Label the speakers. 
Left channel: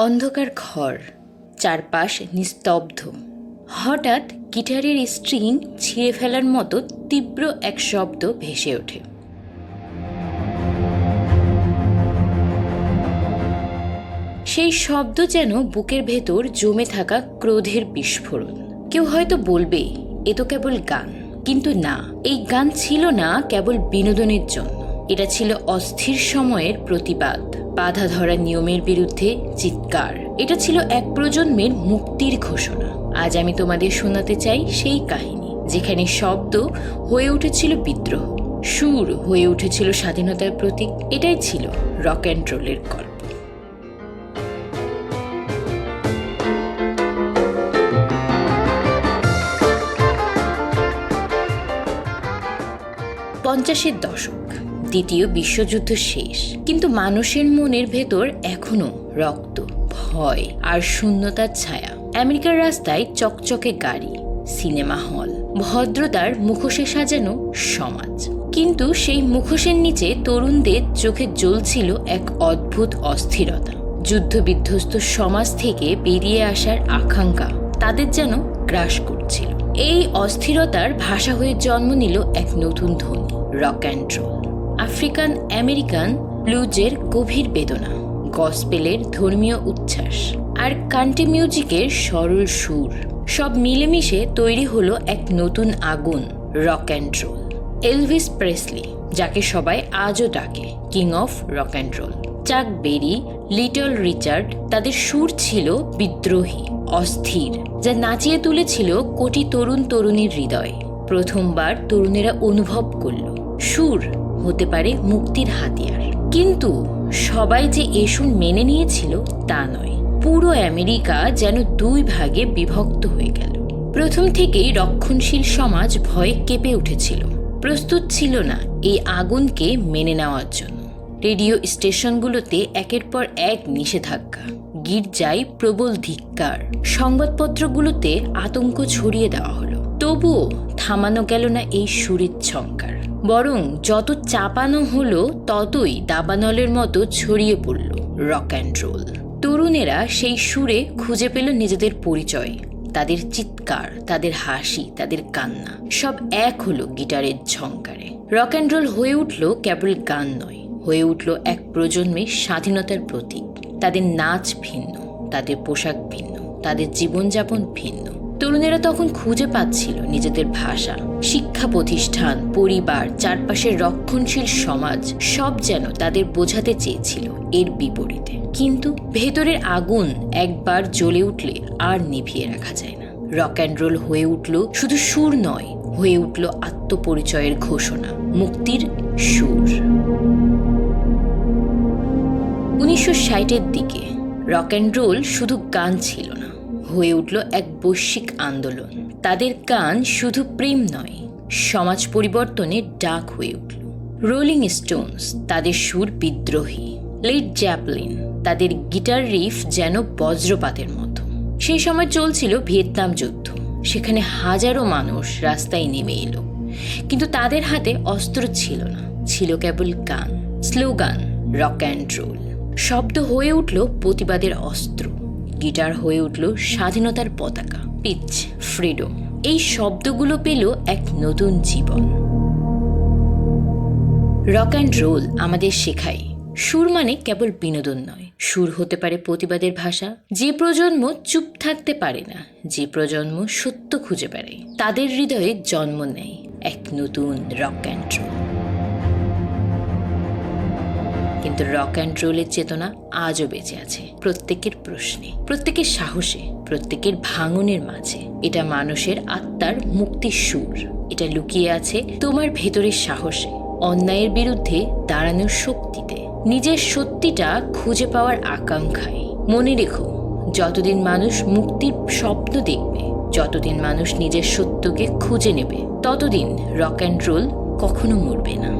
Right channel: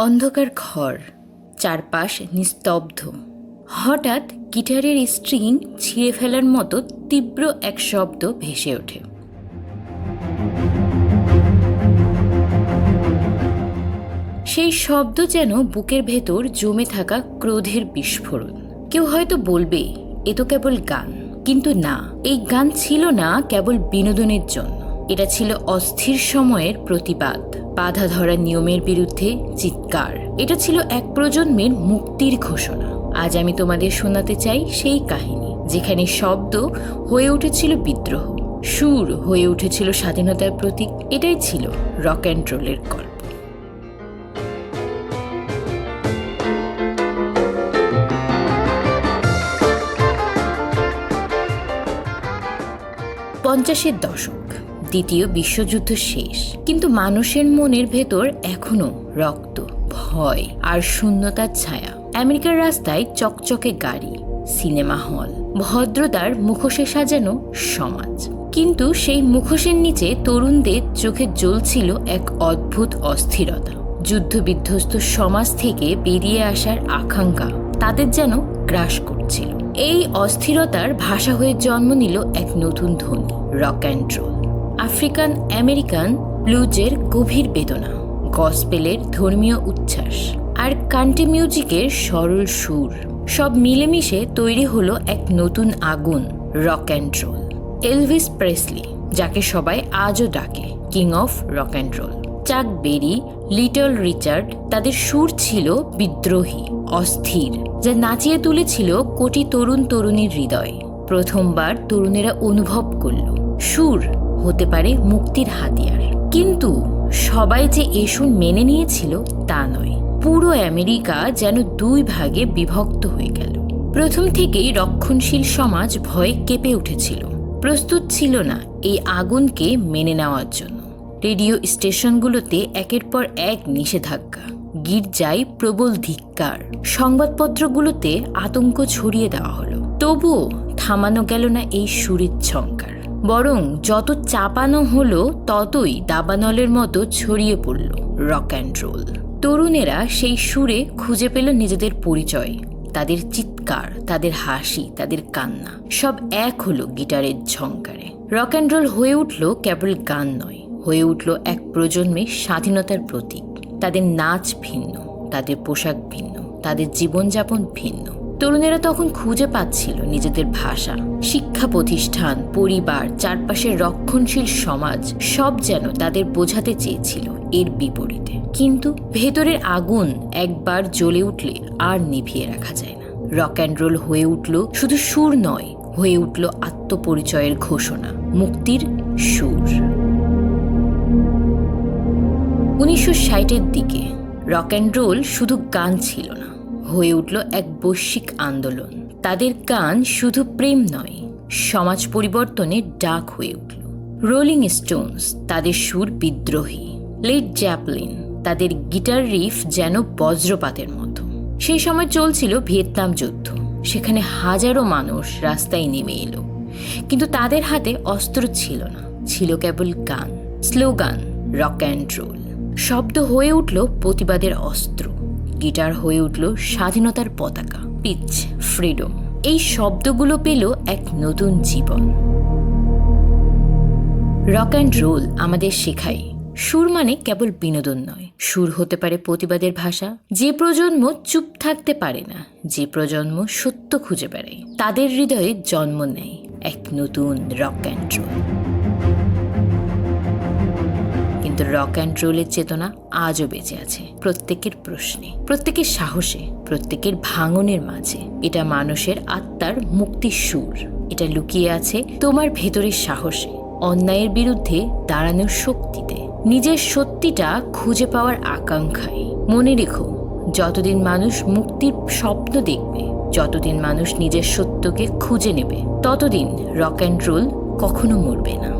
Speaker 1: অন্ধকার ঘর, চারপাশ নিস্তব্ধ। হঠাৎ গিটারের স্ট্রিং ছিঁড়ে ফেলার মতো তীব্র এক শব্দ ভেসে ওঠে। সেই শব্দ যেন বুকের ভেতর জমে থাকা ক্রোধের বিস্ফোরণ। কেউ হয়তো বলবে, এ তো কেবল গান। কিন্তু না, এই গান ছিল না কেবল বিনোদনের জন্য। এটা ছিল অস্থির সময়ের প্রতিবাদ। বাধা ধরা নিয়মের বিরুদ্ধে চিৎকার। এটা ছিল এক প্রজন্মের মুক্তির ঘোষণা। আজ আমি তোমাদের শোনাতে চাই সেই কাহিনী, যেখানে শব্দ হয়ে উঠেছিল বিদ্রোহ। সুর হয়ে উঠেছিল স্বাধীনতার প্রতীক, এটাই ছিল রক অ্যান্ড রোলের গল্প। পঞ্চাশের দশক। দ্বিতীয় বিশ্বযুদ্ধ শেষ। কিন্তু মানুষের মনের ভেতর এখনও রক্ত, ভয় আর শূন্যতার ছায়া। আমেরিকার রাস্তায় চকচকে গাড়ি, সিনেমা হল, ভদ্রতার মুখোশে সাজানো সমাজ। কিন্তু সেই মুখোশের নিচে তরুণদের চোখে জ্বলছিল এক অদ্ভুত অস্থিরতা। যুদ্ধবিধ্বস্ত সমাজ থেকে বেরিয়ে আসার আকাঙ্ক্ষা তাদের যেন গ্রাস করছিল। এই অস্থিরতার ভাষা হয়ে জন্ম নিল এক নতুন ধ্বনি, rock and roll. African American ব্লুজের গভীর বেদনা, গসপেলের ধর্মীয় উচ্ছ্বাস আর কান্ট্রি মিউজিকের সরল সুর। সব মিলেমিশে তৈরি হলো এক নতুন আগুন, rock and roll. Elvis Presley, যাকে সবাই আজও ডাকে, king of rock and roll. Chuck Berry, Little Richard তাদের সুর ছিল বিদ্রোহী, অস্থির, যা নাচিয়ে তুলেছিল কোটি তরুণ তরুণীর হৃদয়। প্রথমবার তরুণেরা অনুভব করল, সুর হতে পারে মুক্তির হাতিয়ার। কিন্তু সবাই যে এ সুর মেনে নিয়েছিল তা নয়। পুরো আমেরিকা যেন দুই ভাগে বিভক্ত হয়ে গেল। প্রথম থেকেই রক্ষণশীল সমাজ ভয়ে কেঁপে উঠেছিল। প্রস্তুত ছিল না এই আগুনকে মেনে নেওয়ার জন্য। রেডিও স্টেশনগুলোতে একের পর এক নিষেধাজ্ঞা, গির্জায় প্রবল ধিক্কার, সংবাদপত্রগুলোতে আতঙ্ক ছড়িয়ে দেওয়া হলো। তবুও থামানো গেল না এই সুরের ছঙ্কার বরং যত চাপানো হলো, ততই দাবানলের মতো ছড়িয়ে পড়ল রক অ্যান্ড রোল তরুণেরা সেই সুরে খুঁজে পেল নিজেদের পরিচয়, তাদের চিৎকার, তাদের হাসি, তাদের কান্না, সব এক হলো গিটারের ঝঙ্কারে রক অ্যান্ড রোল হয়ে উঠল কেবল গান নয়, হয়ে উঠল এক প্রজন্মের স্বাধীনতার প্রতীক। তাদের নাচ ভিন্ন, তাদের পোশাক ভিন্ন, তাদের জীবনযাপন ভিন্ন। তরুণেরা তখন খুঁজে পাচ্ছিল নিজেদের ভাষা, শিক্ষা প্রতিষ্ঠান, পরিবার, চারপাশের রক্ষণশীল সমাজ, সব যেন তাদের বোঝাতে চেয়েছিল এর বিপরীতে। কিন্তু ভেতরের আগুন একবার জ্বলে উঠলে আর নিভিয়ে রাখা যায় না। রক অ্যান্ড রোল হয়ে উঠল শুধু সুর নয়, হয়ে উঠল আত্মপরিচয়ের ঘোষণা, মুক্তির সুর। উনিশশো ষাটের দিকে রক অ্যান্ড রোল শুধু গান ছিল না হয়ে উঠল এক বৈশ্বিক আন্দোলন। তাদের গান শুধু প্রেম নয়, সমাজ পরিবর্তনের ডাক হয়ে উঠল। রোলিং স্টোনস তাদের সুর বিদ্রোহী, লেড জ্যাপলিন তাদের গিটার রিফ যেন বজ্রপাতের মতো। সেই সময় চলছিল ভিয়েতনাম যুদ্ধ, সেখানে হাজারো মানুষ রাস্তায় নেমে এলো। কিন্তু তাদের হাতে অস্ত্র ছিল না, ছিল কেবল গান, স্লোগান, রক অ্যান্ড রোল। শব্দ হয়ে উঠল প্রতিবাদের অস্ত্র। গিটার হয়ে উঠল স্বাধীনতার পতাকা পিচ ফ্রিডম এই শব্দগুলো পেল এক নতুন জীবন। রক অ্যান্ড রোল আমাদের শেখায়। সুর মানে কেবল বিনোদন নয়। সুর হতে পারে প্রতিবাদের ভাষা। যে প্রজন্ম চুপ থাকতে পারে না, যে প্রজন্ম সত্য খুঁজে বেড়ায়, তাদের হৃদয়ে জন্ম নেয় এক নতুন রক অ্যান্ড রোল কিন্তু রক অ্যান্ড রোলের চেতনা আজও বেঁচে আছে। প্রত্যেকের প্রশ্নে, প্রত্যেকের সাহসে, প্রত্যেকের ভাঙনের মাঝে। এটা মানুষের আত্মার মুক্তির সুর। এটা লুকিয়ে আছে তোমার ভেতরের সাহসে, অন্যায়ের বিরুদ্ধে দাঁড়ানোর শক্তিতে। নিজের সত্যিটা খুঁজে পাওয়ার আকাঙ্ক্ষায়। মনে রেখো, যতদিন মানুষ মুক্তির স্বপ্ন দেখবে, যতদিন মানুষ নিজের সত্যকে খুঁজে নেবে, ততদিন রক অ্যান্ড রোল কখনো মরবে না।